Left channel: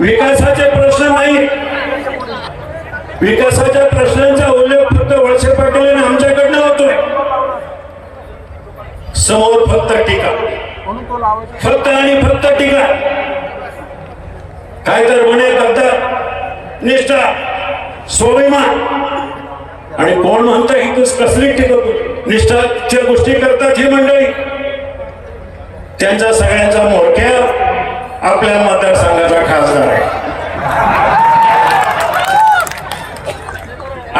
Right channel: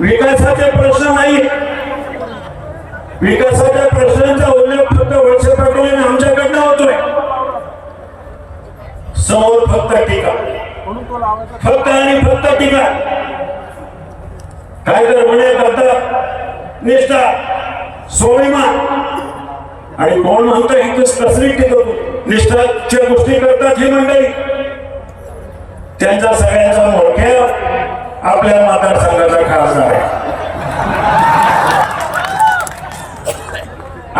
विकासाचे प्रश्न नाही. विकासाच्या प्रश्नांचा उल्लेख फक्त वळसे पाटील आमच्याकडनं होतोय. समोर फक्त टीका. फक्त आणि फक्त टीका. काय तर म्हणे फक्त निष्ठा स्वाभिमान. आणि कोण म्हणतं इथंच कसली टीका निष्ठाच्या गोष्टी करतात हे मंडळी. त्यांचा सगळ्यांचा मोठ्या आपल्या मतदारसंघाचा खासदार आहे.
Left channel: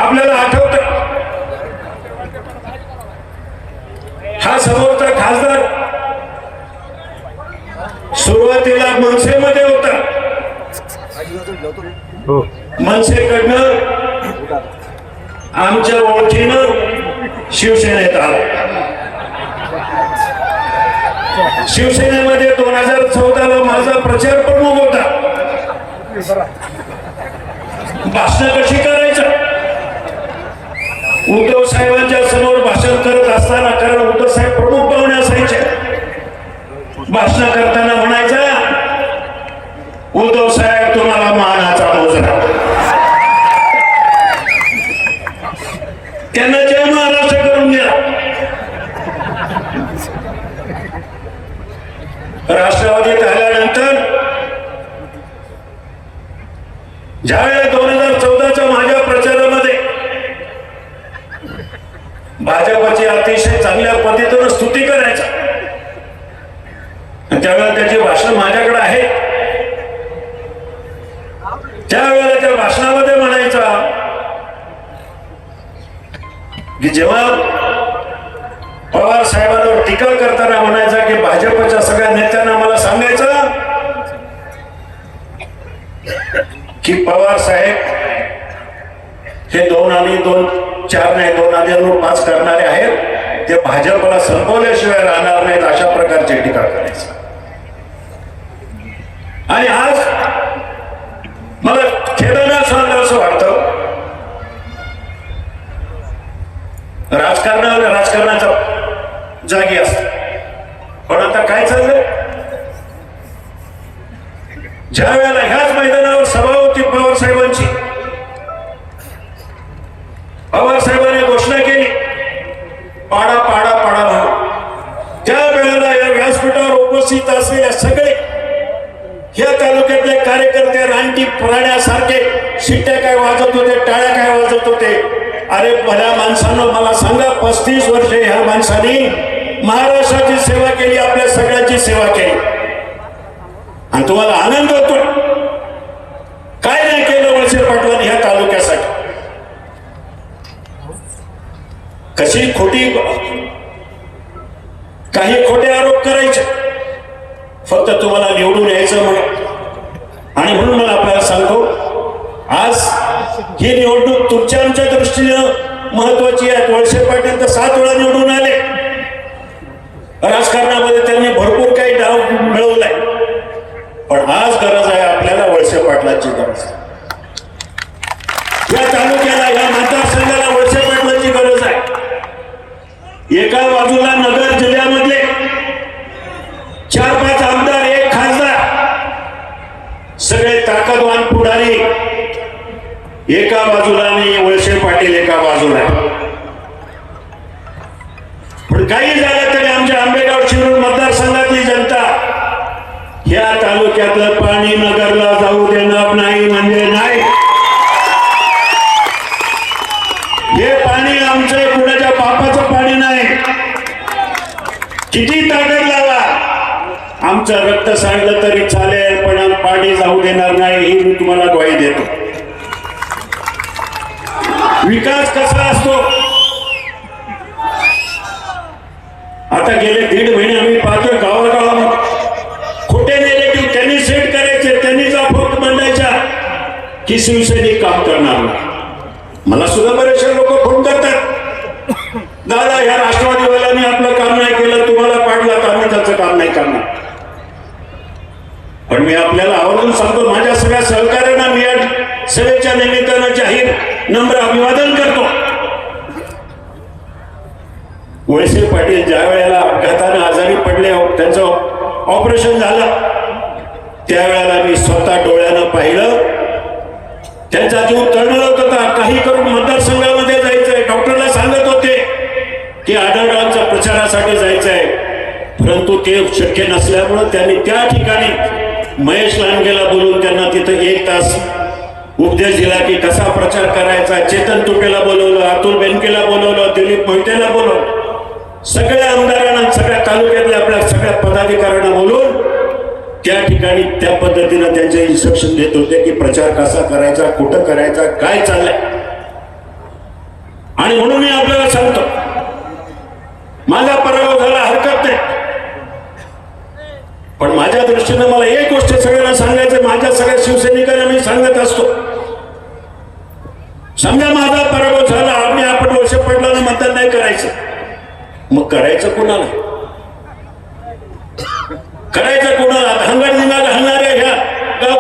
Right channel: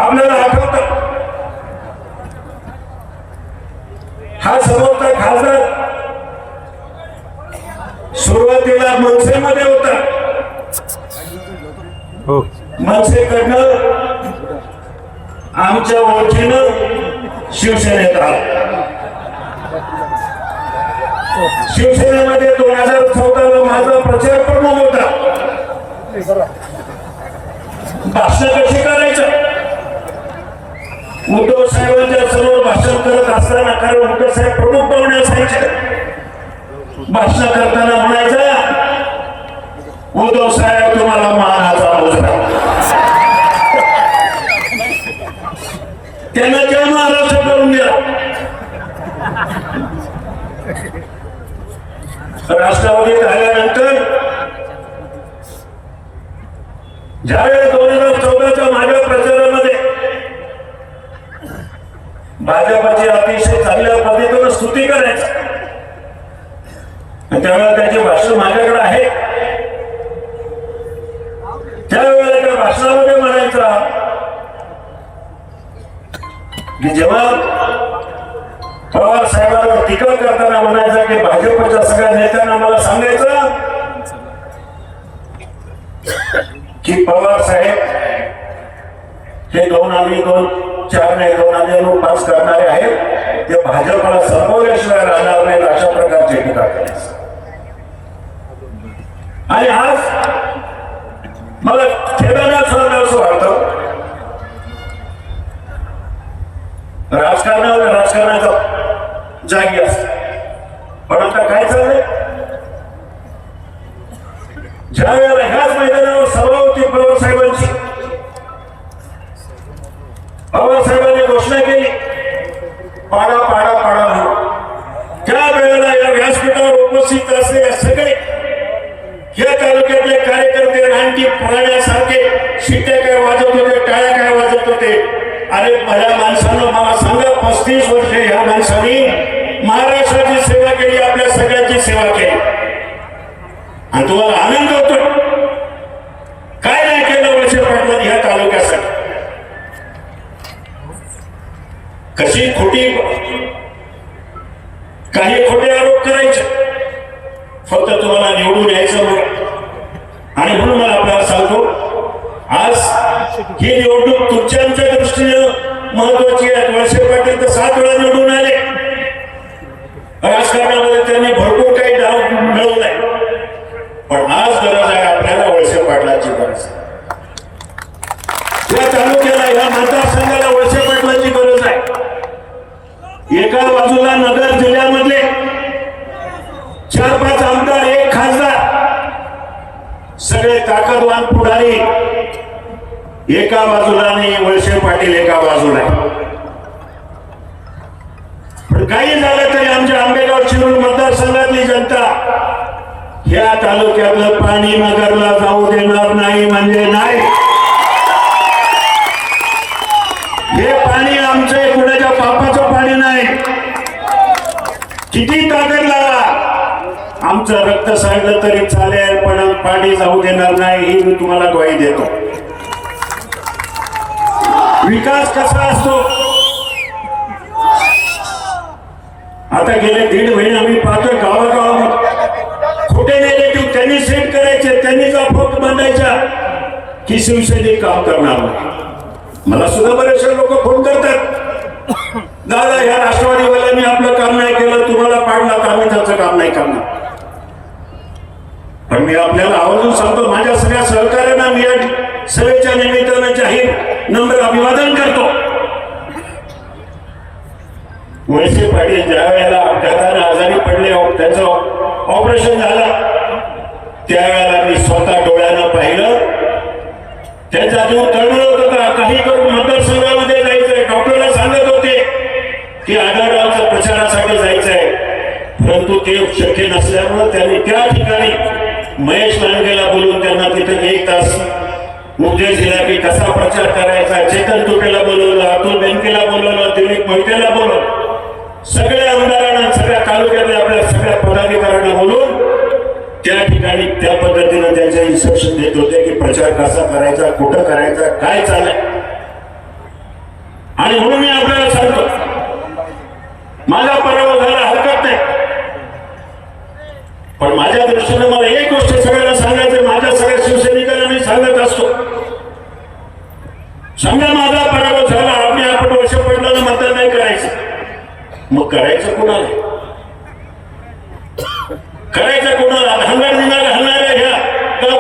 आपल्याला आठवत हा समोरचा खासदार सुरुवातीला मनसेमध्ये होता. हो. मनसेकडनं आमच्या ओळखीनं शिवसेनेत आला. शिवसेनेमध्ये दोन हजार चौदा ला माझा प्रचार पूर्ण होता. भाषण कशी करायचं? उद्धव साहेबांच्या समोर भाषण करत असताना कारण उद्धव साहेब प्रमुख पाहुणे असायचे. भाषण करताना म्हणायचं उद्धव साहेब तुम्हाला मानाचा मुजरा. त्यांना ज्या महाराष्ट्र करून द्या. राष्ट्रवादीत झाल्यानंतर ज्यावेळेस दोन हजार चौदाच्या माझ्या प्रचारामध्ये भाजपाची अतिशय चांगल्या पद्धतीनं स्तुती करायचा त्यावेळेला त्याचे भाषण माझ्याकडे आहे. त्यावेळेला त्या भाषणामध्ये म्हणायचा की जेव्हा पवार साहेबांना टीका करताना म्हणायचा की भाजपच्या सगळ्या नेत्यांना मला सांगायचं की पवार साहेब हे दोन आणि दोन चार नाही दोन आणि दोन पाच करणारे आहेत. ते भाजपला संपवल्याशिवाय राहणार नाहीत अशा प्रकारची टीका करायचं. आणि आज मला खेदाने सांगणं असं वाटतं. राजकारणाला जागी असत. पण आता काय चाललंय? ज्या वेळेला ह्याच मैदानावर सभा होती पवार साहेबांची पवार साहेबांनी घोषणा केली पाडा पाडा पाडा म्हणून त्या वेळेला या व्यासपीठावर उपस्थित असलेले सगळे या तालुक्यातले कार्यकर्ते रानटी पुराण्यासारखे शिट्ट्या काय वाजत होते टाळ्या काय वाजत होते? अरे मला माणसानं मला सांगा पस्तीस वर्ष ह्या माणसांनी महाराष्ट्राची सेवा केली आपल्या सगळ्यांची सेवा केली. आणि तुम्हाला आनंद होतो काय नाही केलं वळसे पाटलांनी ह्या तालुक्यासाठी? कशी खोटी काही खोटे आरोप करायचे. फक्त तुम्हाला निवडून यायचं म्हणून आणि म्हणून मला आपल्याला सांगतो आज ही निवडणूक तुमच्या आमच्या दृष्टीनं महत्वाची आहे. वळसे पाटील तर सात वेळा निवडून आले राजकारणामध्ये त्यांनी भरपूर काही डाव मिळवलाय. पण आज गरज आहे आपल्याला वळसे पाटलाची गरज. या तालुक्याला या मतदारसंघाला वळसे पाटलाची गरज आहे. एका बाजूला नगर जिल्ह्यामध्ये चार पाच आमदार एक खासदार सगळे ताकदवान पुढारी. एका बाजूला आणि वळसे पाटील एका बाजूला. पण काही नगरला जाऊ देणार नाही म्हणजे नाही. हे पाणी आमचे कुणाच्या पापाचं पाणी नाही. किती ताकद लावा आमचं रक्त सांडलं तरी चालेल पण पाणी जाऊ देणार नाही ही मी तुम्हाला ग्वाही देतो. विकास कसा असतो? आता गेले दीड महिने की शिवसेने काम करणार मला सुद्धा बरेचसे लोक फोन करतात. दादा ह्या राष्ट्रवादीवाल्यांनी आपलं काम नाही केलं तुम्हाला पाडला तर त्याचं काम नाही करणार. पण मी आपल्याला आवर्जून सांगतो माझ्या सगळ्या सहकार्यांना मी या सभेच्या निमित्तानं जाहीर नम्र अभिवादन करतो. वळसे पाटील ज्या वेळेला अपघाताने आजारी पडले हो, त्यांचं ऑपरेशन झालं त्यावेळेला मी जीव तळमळत होता काही करून मतदारसंघामध्ये जायचंय. डॉक्टरला सांगत होते की आढळरावच्या प्रचारासाठी जायचंय. परंतु ते शक्य नसल्यामुळे त्यांनी त्या ठिकाणी महेश लांडगेला बोलून त्यांना तिथे एक तास उपदेश दिला की कसा प्रचार करायचा. चेतन तुपेला बोलवलं अतुल बेनकेला बोलवलं दिलीप मोहितेला बोलवलं. सगळे आमदारांना सगळ्या तालुक्यातल्या आपल्या सगळ्या पदाधिकाऱ्यांना बोलून त्या ठिकाणी त्या पद्धतीनं त्यांचे इन्स्ट्रक्शन देत होते की प्रचार कसा करायचा कुठं करायचा काय चालय आणि म्हणून मी आपल्याला सांगतो माझा पराभव झाला हरकत नाही. पण माझ्या दृष्टीने मला एक गोष्ट सगळ्यांना सांगायचं माझ्या सगळ्या शिवसैनिकांना मी सांगत असतो. समजा माझा पराभव झाला आम्ही आपण वर्ष पडला मतदान नाही करायचं. मग करायचं कोणाला? करायचं कोणाला हंगार निघाल आहे घ्या का